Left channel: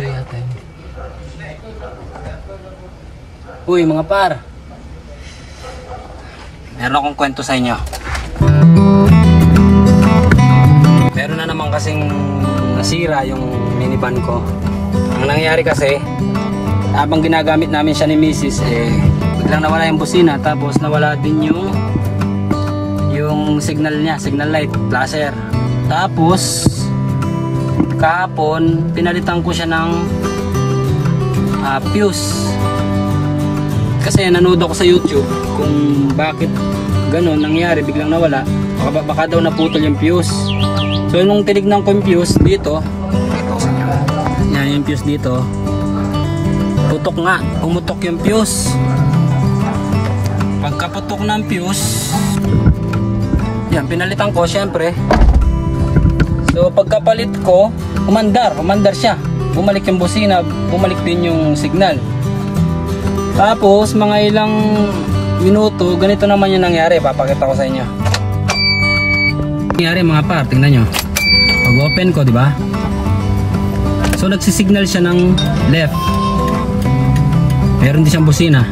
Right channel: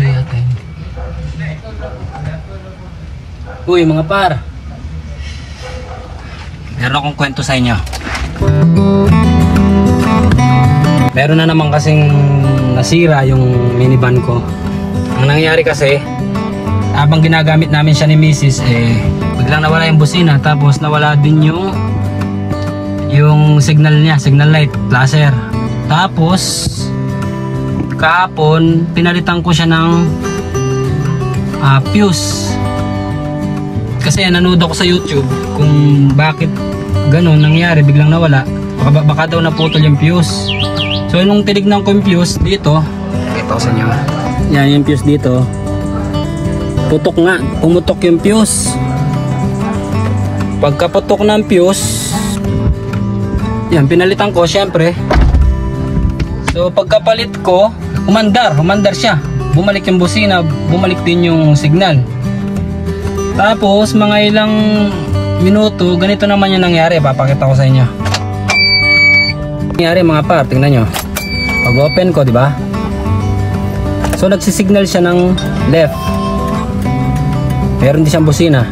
tuloy natin. Uy mga par, meron akong kwento sa inyo. Meron na naman kasing nasira yung minivan ko. Ang nangyari kasi, habang ginagamit namin siya ni Mrs. biglang nawala yung busina, tapos nawala din yung signal niya, signal light, flasher. Tapos kahapon pinalitan ko siya ng fuse. Kasi nanood ako sa YouTube kung bakit ganun nangyari, biglang nawala. Baka daw naputol yung fuse. So nung tinignan ko yung fuse dito, ito sa inyo. Yan yung fuse dito. Putok nga, pumutok yung fuse. Pagkaputok ng fuse, yan, pinalitan ko syempre. So pagkapalit ko, umandar siya. Bumalik yung busina, bumalik din yung signal. Tapos mga ilang minuto, ganito naman yung nangyari. Papakita ko sa inyo. Nangyari mga par, tingnan nyo. Pag open ko, di ba? So nagsisignal siya ng left. Meron din siyang busina.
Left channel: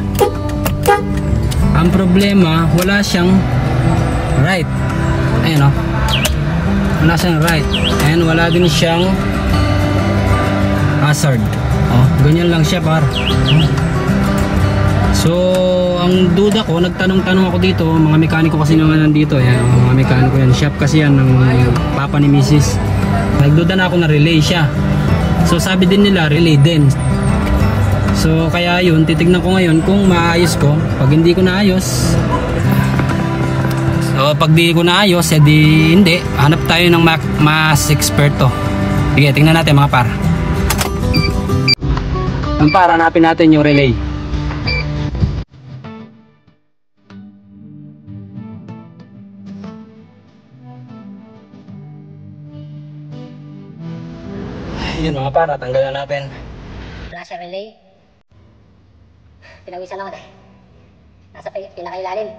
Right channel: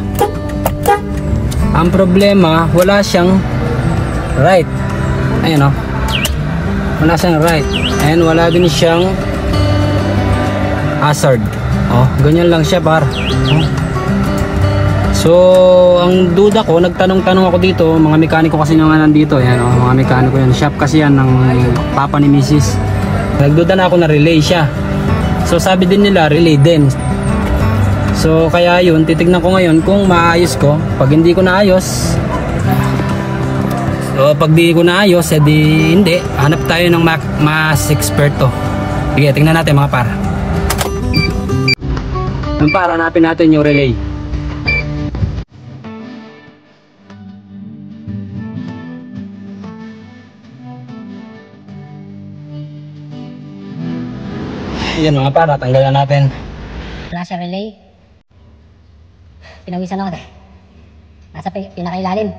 Ang problema, wala siyang right. Ayan o. Wala siyang right. Ayan, wala din siyang hazard. Oh, ganyan lang siya par. So, ang duda ko, nagtanong-tanong ako dito, mga mekaniko kasi naman nandito. Ayan, mga mekaniko yan. Shop kasi yan ng papa ni Mrs. Nagduda na ako na relay siya. So, sabi din nila, relay din. So, kaya yun, titignan ko ngayon kung maayos ko. Pag hindi ko naayos, so, pag di ko naayos, edi hindi. Hanap tayo ng mas eksperto. Sige, tingnan natin mga par. Yung par, hanapin natin yung relay. Yan mga par, tanggalan natin. Flasher relay. Pinawisan ako eh. Nasa pinakailalim.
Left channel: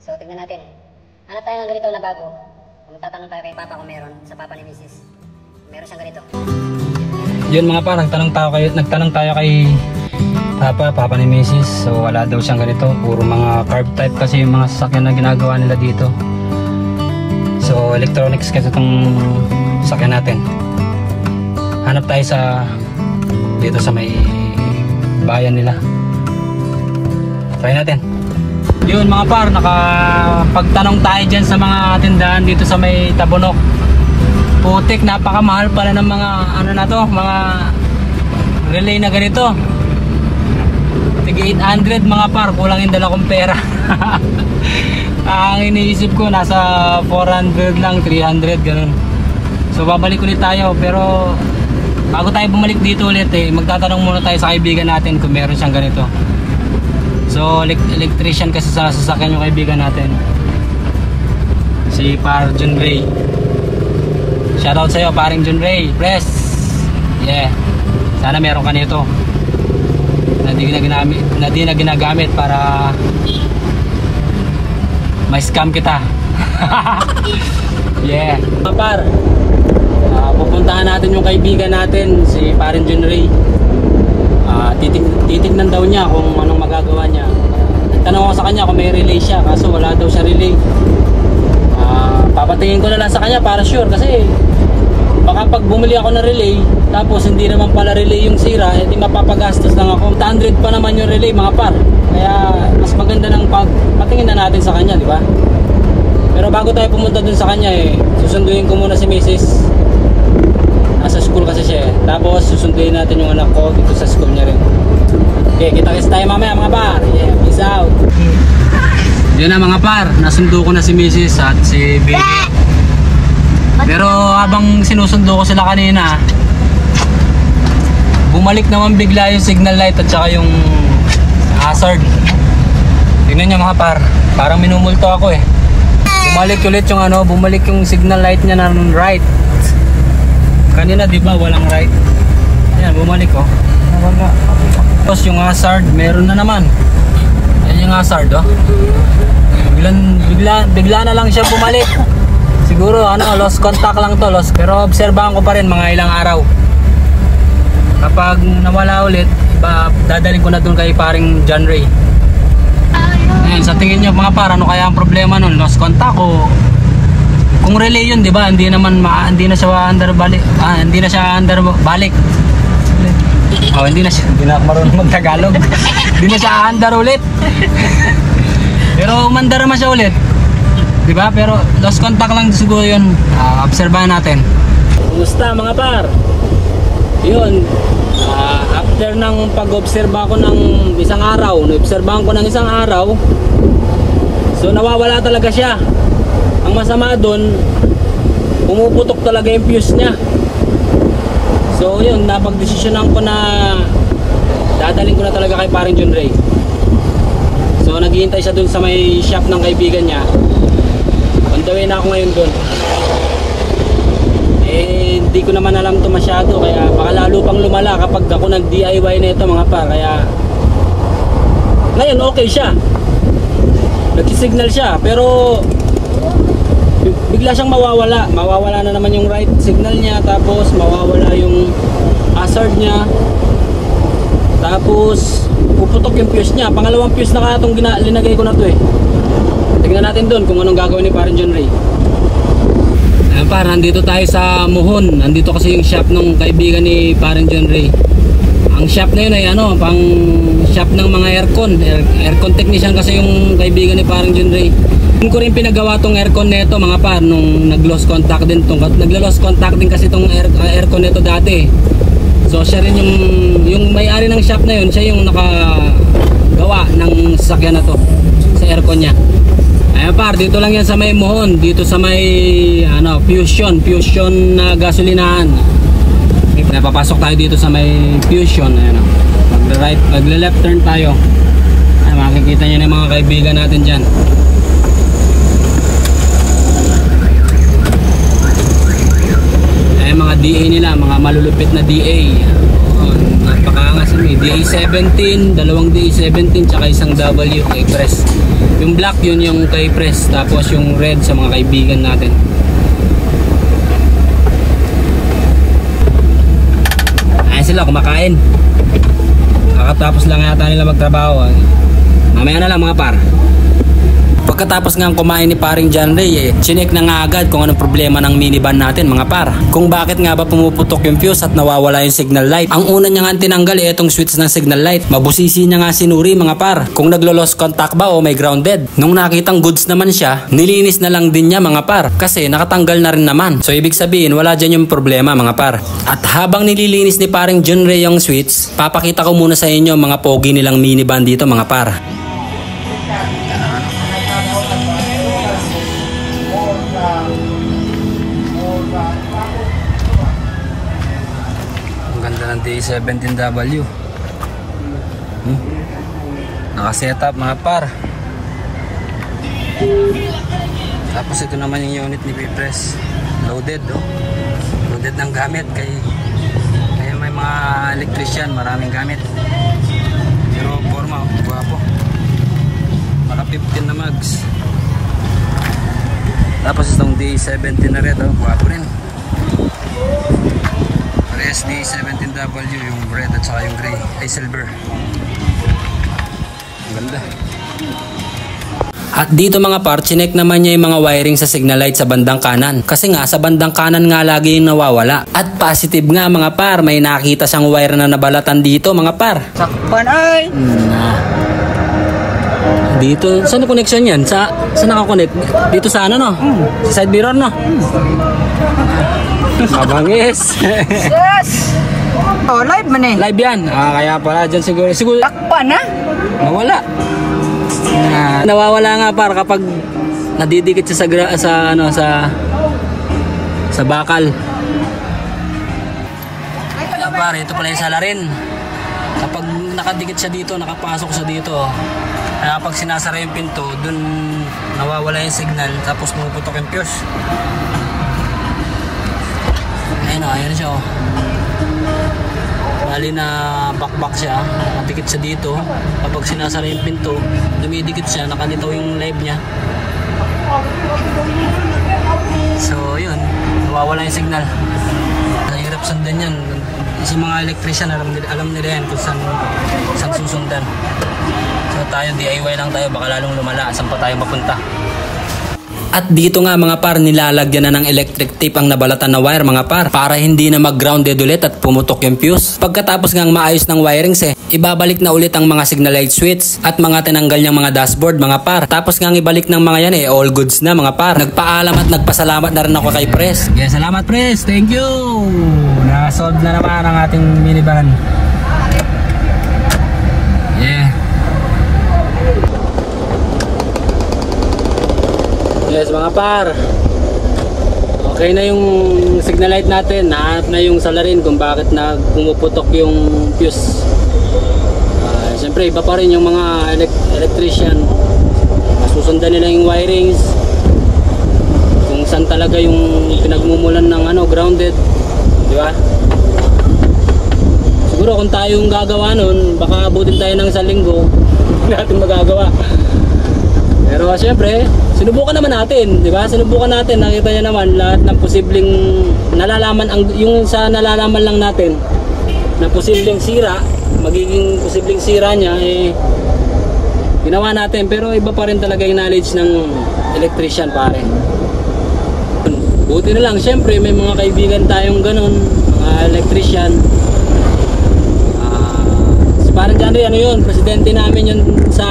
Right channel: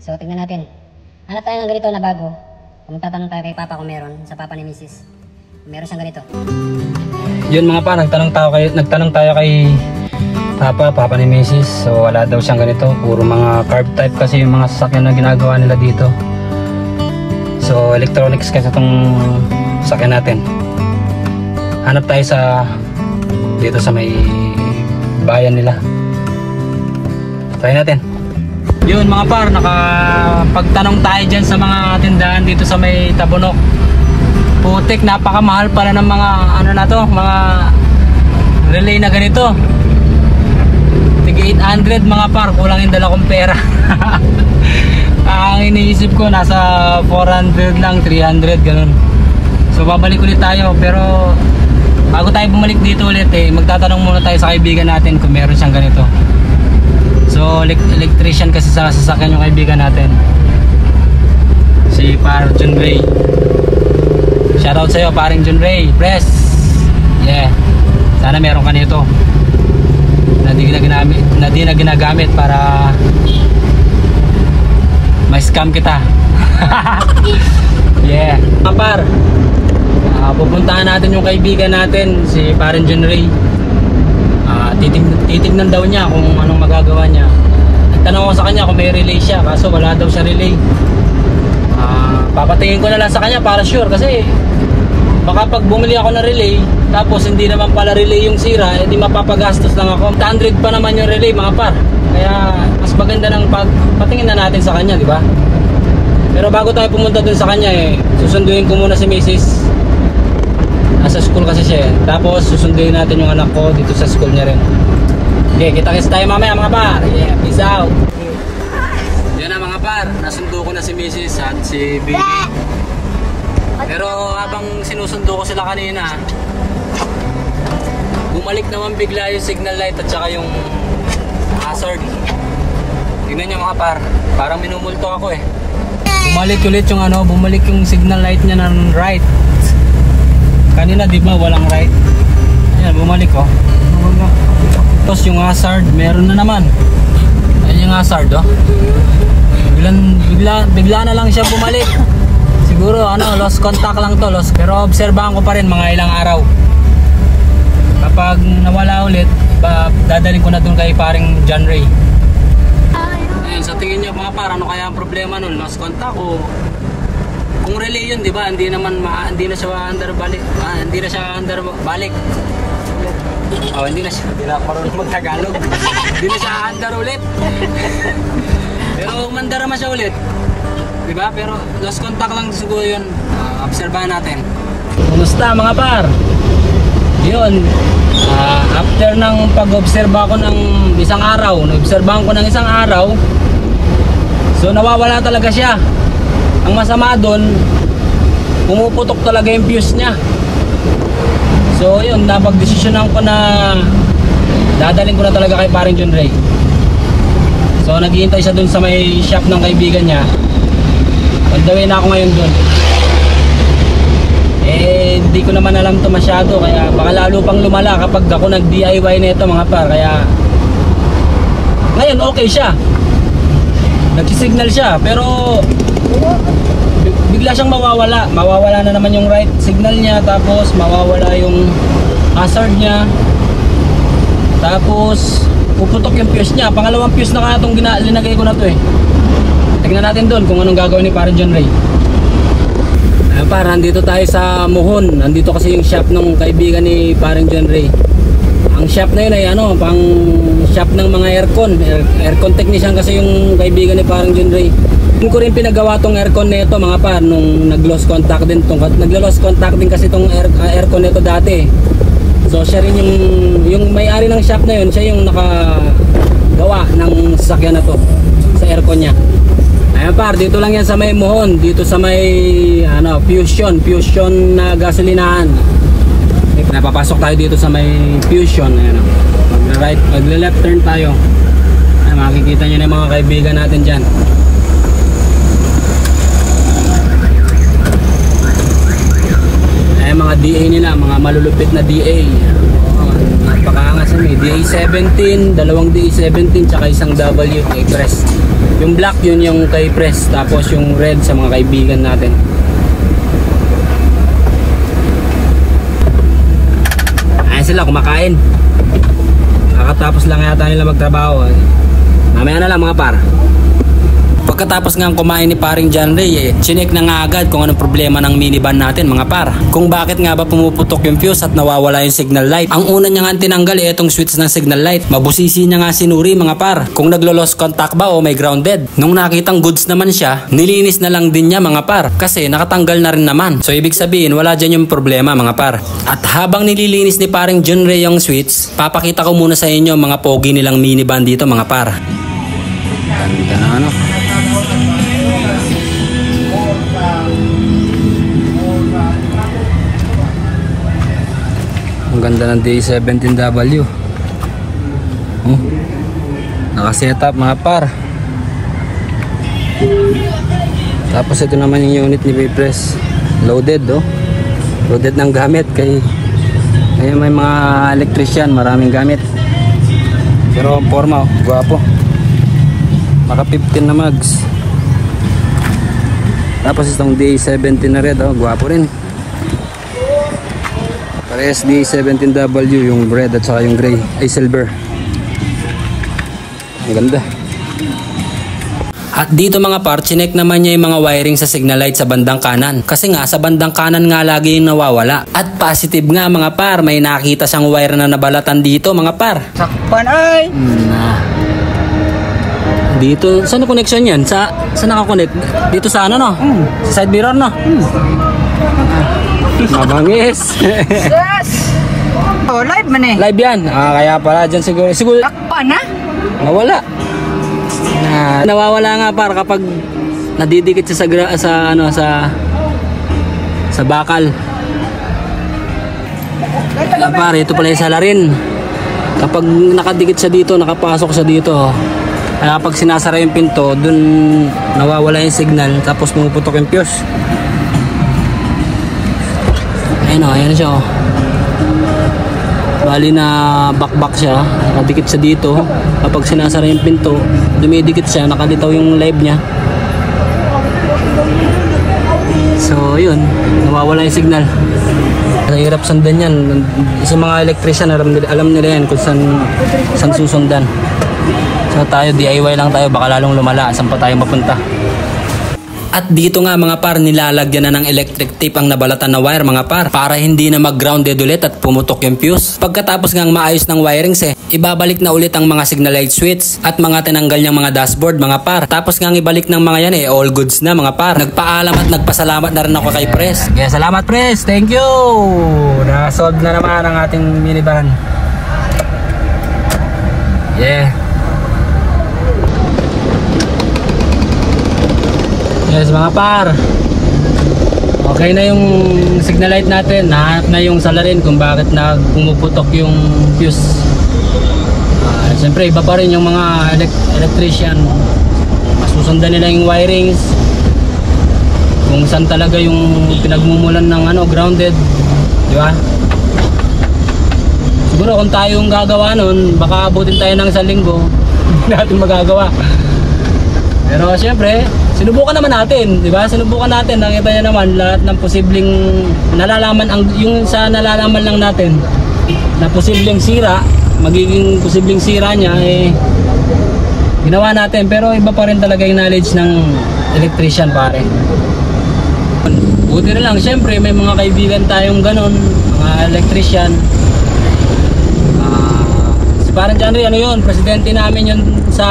So tignan natin. Hanap tayo ng ganito na bago. Kung magtatanong tayo kay Papa kung meron, sa Papa ni Mrs. Meron siyang ganito. Yun mga par, nagtanong tayo kay Papa ni Mrs. So wala daw siyang ganito. Puro mga carb type kasi yung mga sasakyan na ginagawa nila dito. So electronics kasi itong sasakyan natin. Hanap tayo dito sa may bayan nila. Try natin. Yun mga par, nakapagtanong tayo dyan sa mga tindahan dito sa may Tabunok. Putik, napakamahal pala ng mga mga relay na ganito. Tig 800 mga par, kulang yung dala kong pera. Ang iniisip ko nasa 400 lang, 300 ganun. So babalik ulit tayo, pero bago tayo bumalik dito ulit magtatanong muna tayo sa kaibigan natin kung meron siyang ganito. So electrician kasi sa sasakyan yung kaibigan natin, si Par John Ray. Shoutout sa'yo paring John Ray, press. Yeah, sana meron ka nito na di na ginagamit para may scam kita. Yeah Par, pupuntahan natin yung kaibigan natin, si Parang John Ray. Titignan daw niya kung anong magagawa niya. Nagtanong ako sa kanya kung may relay siya, kaso wala daw siya relay. Papatingin ko na lang sa kanya para sure, kasi baka pag bumili ako ng relay tapos hindi naman pala relay yung sira, edi mapapagastos lang ako. 100 pa naman yung relay mga par. Kaya mas maganda ng patingin na natin sa kanya, di ba? Pero bago tayo pumunta dun sa kanya susunduin ko muna si Mrs. Nasa school kasi siya tapos susunduin natin yung anak ko dito sa school niya rin. Okay, kita-kits tayo mamaya mga par. Yeah, peace out. Yan na mga par, nasundo ko na si Mrs. at si Baby. Pero habang sinusundo ko sila kanina, bumalik naman bigla yung signal light at saka yung hazard. Tingnan nyo mga par, parang minumulto ako Bumalik ulit yung bumalik yung signal light niya ng right. Kanina di ba walang right? Ayan, bumalik Wala. Tapos yung hazard, meron na naman. Ayan yung hazard Bigla na lang siya bumalik. Siguro lost contact lang to, pero obserbahan ko pa rin mga ilang araw. ulit, dadalhin ko na dun kay paring John Ray. Ayan, sa tingin nyo mga par, ano kaya ang problema nun? Lost contact o kung relay yun, di ba? Hindi na siya under balik. Hindi na siya under balik. Oh, hindi na ako marunong mag-Tagalog. Hindi na siya under ulit. Pero umandar naman siya ulit. Di ba? Pero lost contact lang siguro yun. Obserbahan natin. Kumusta mga par? Yun. After ng pag-obserba ko ng isang araw, na-obserbahan ko ng isang araw, so nawawala talaga siya. Ang masama doon, pumuputok talaga yung fuse niya. So yun, napag-desisyonan ko na dadalhin ko na talaga kay paring John Ray. So naghihintay siya doon sa may shop ng kaibigan niya. On the way na ako ngayon doon. Hindi ko naman alam to masyado, kaya baka lalo pang lumala kapag ako nag-DIY na ito mga par. Kaya ngayon okay siya, nagsisignal siya, pero bigla siyang mawawala na naman yung right signal niya, tapos mawawala yung hazard niya, tapos puputok yung fuse niya. Pangalawang fuse na kaya itong linagay ko na to eh. Tignan natin doon kung anong gagawin ni paring John Ray. Para nandito tayo sa Mohon. Nandito kasi yung shop ng kaibigan ni paring John Ray. Ang shop na yun ay pang shop ng mga aircon technician kasi yung kaibigan ni paring John Ray. Hindi ko rin pinagawa tong aircon nito mga par nung nag-lost contact din naglo-lost contact din kasi tong aircon nito dati. So siya rin yung may-ari ng shop na yun, siya yung nakagawa ng sasakyan na to sa aircon niya. Ayan par, dito lang yan sa may Mohon, dito sa may Fusion na gasolinahan. Napapasok tayo dito sa may Fusion. Ayan, magle-left turn tayo. Ayan, makikita niyo na mga kaibigan natin dyan. Ayan mga DA nila, mga malulupit na DA. Napakaangas may DA17, dalawang DA17 tsaka isang W kay Press. Yung black yun yung kay Press, tapos yung red sa mga kaibigan natin. Ayan sila kumakain. Kakatapos lang yata nila magtrabaho. Mamaya na lang mga par. Pagkatapos nga kumain ni paring John Ray, chinek na nga agad kung anong problema ng minivan natin mga par. Kung bakit nga ba pumuputok yung fuse at nawawala yung signal light. Ang una niya nga tinanggal itong switch ng signal light. Mabusisi niya nga sinuri mga par kung naglo-lost contact ba o may grounded. Nung nakitang goods naman siya, nilinis na lang din niya mga par kasi nakatanggal na rin naman. So ibig sabihin wala dyan yung problema mga par. At habang nililinis ni paring John Ray yung switch, papakita ko muna sa inyo mga pogi nilang minivan dito mga par. Ganda na Ang ganda ng DA17W. Naka-setup mga par. Tapos ito naman yung unit ni V-Press. Loaded Loaded ng gamit kay ayun, may mga electrician, maraming gamit. Pero ang forma guwapo. Maka 15 na mags. Tapos itong DA17 na red guwapo rin. Parehas DA17W yung red at saka yung gray ay silver. Ang ganda. At dito mga par, chinek naman niya yung mga wiring sa signal light sa bandang kanan. Kasi nga sa bandang kanan nga lagi yung nawawala. At positive nga mga par, may nakita siyang wire na nabalatan dito mga par. Dito, saan na connection yun? Saan nakakonect? Dito sa ano no? Sa side mirror no? Yes. Oh, live man eh. Live yan. Kaya pala dyan siguro. Takpan na? Nawala. Nawawala nga par kapag nadidikit sa bakal. Pare, ito pala yung salarin. Kapag nakadikit siya dito, nakapasok siya dito. Kaya kapag sinasara yung pinto, dun nawawala yung signal, tapos pumuputok yung fuse. Ayan siya Bali na back siya, nakadikit siya dito. Kapag sinasara yung pinto, dumidikit siya, nakalitaw yung live niya. So yun, nawawala yung signal. mahirap sundan yan. Sa mga electrician, alam nila yan kung saan susundan. So tayo, DIY lang tayo, baka lalong lumala. Saan pa tayo mapunta? At dito nga mga par, nilalagyan na ng electric tape ang nabalatan na wire mga par para hindi na mag-grounded ulit at pumutok yung fuse. Pagkatapos ngang maayos ng wirings ibabalik na ulit ang mga signal light switch at mga tinanggal niyang mga dashboard mga par. Tapos ngang ibalik ng mga yan all goods na mga par. Nagpaalam at nagpasalamat na rin ako kay Pres. Okay, salamat Pres, thank you! Na-solve na naman ang ating minivan. Yeah. Yes mga par, okay na yung signal light natin. Nahanap na yung salarin kung bakit pumuputok yung fuse. Siyempre iba pa rin yung mga electrician, masusundan nila yung wirings kung saan talaga yung pinagmumulan ng grounded, di ba? Siguro kung tayo yung gagawa nun, baka abutin tayo ng 1 linggo hindi natin magagawa. Pero siyempre, sinubukan naman natin, di ba? Sinubukan natin, nakita niya naman lahat ng posibleng nalalaman, yung sa nalalaman lang natin na posibleng sira, magiging posibleng sira niya, ginawa natin. Pero iba pa rin talaga yung knowledge ng electrician pare. Buti na lang, siyempre may mga kaibigan tayong ganon, mga electrician. Si parang John Ray, presidente namin yun sa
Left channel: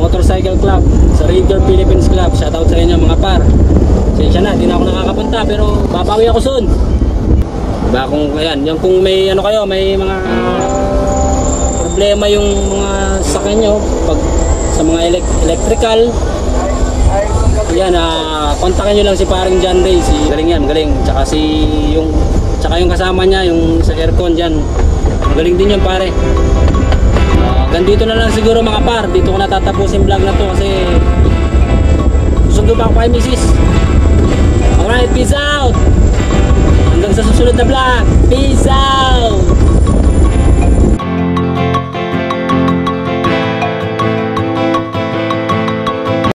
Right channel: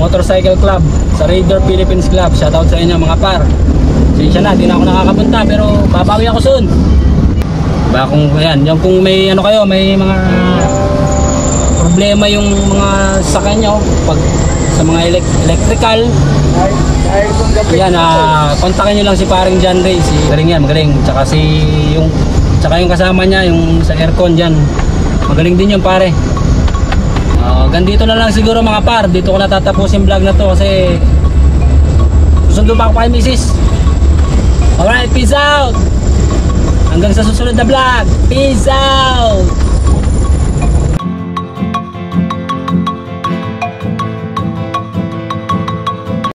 Motorcycle Club, sa Raider Philippines Club. Shoutout sa inyo mga par. Sensya na, di na ako nakakapunta pero babawi ako soon. Diba kung kung may kayo, may mga problema yung mga sakyan nyo pag sa mga electrical, kontakin nyo lang si paring John Ray. Magaling. Tsaka yung kasama niya, yung sa aircon dyan, magaling din yun pare. Ganito na lang siguro mga par. Dito ko natatapusin vlog na to kasi susundo pa ako kay Mrs. Alright, peace out! Hanggang sa susunod na vlog. Peace out!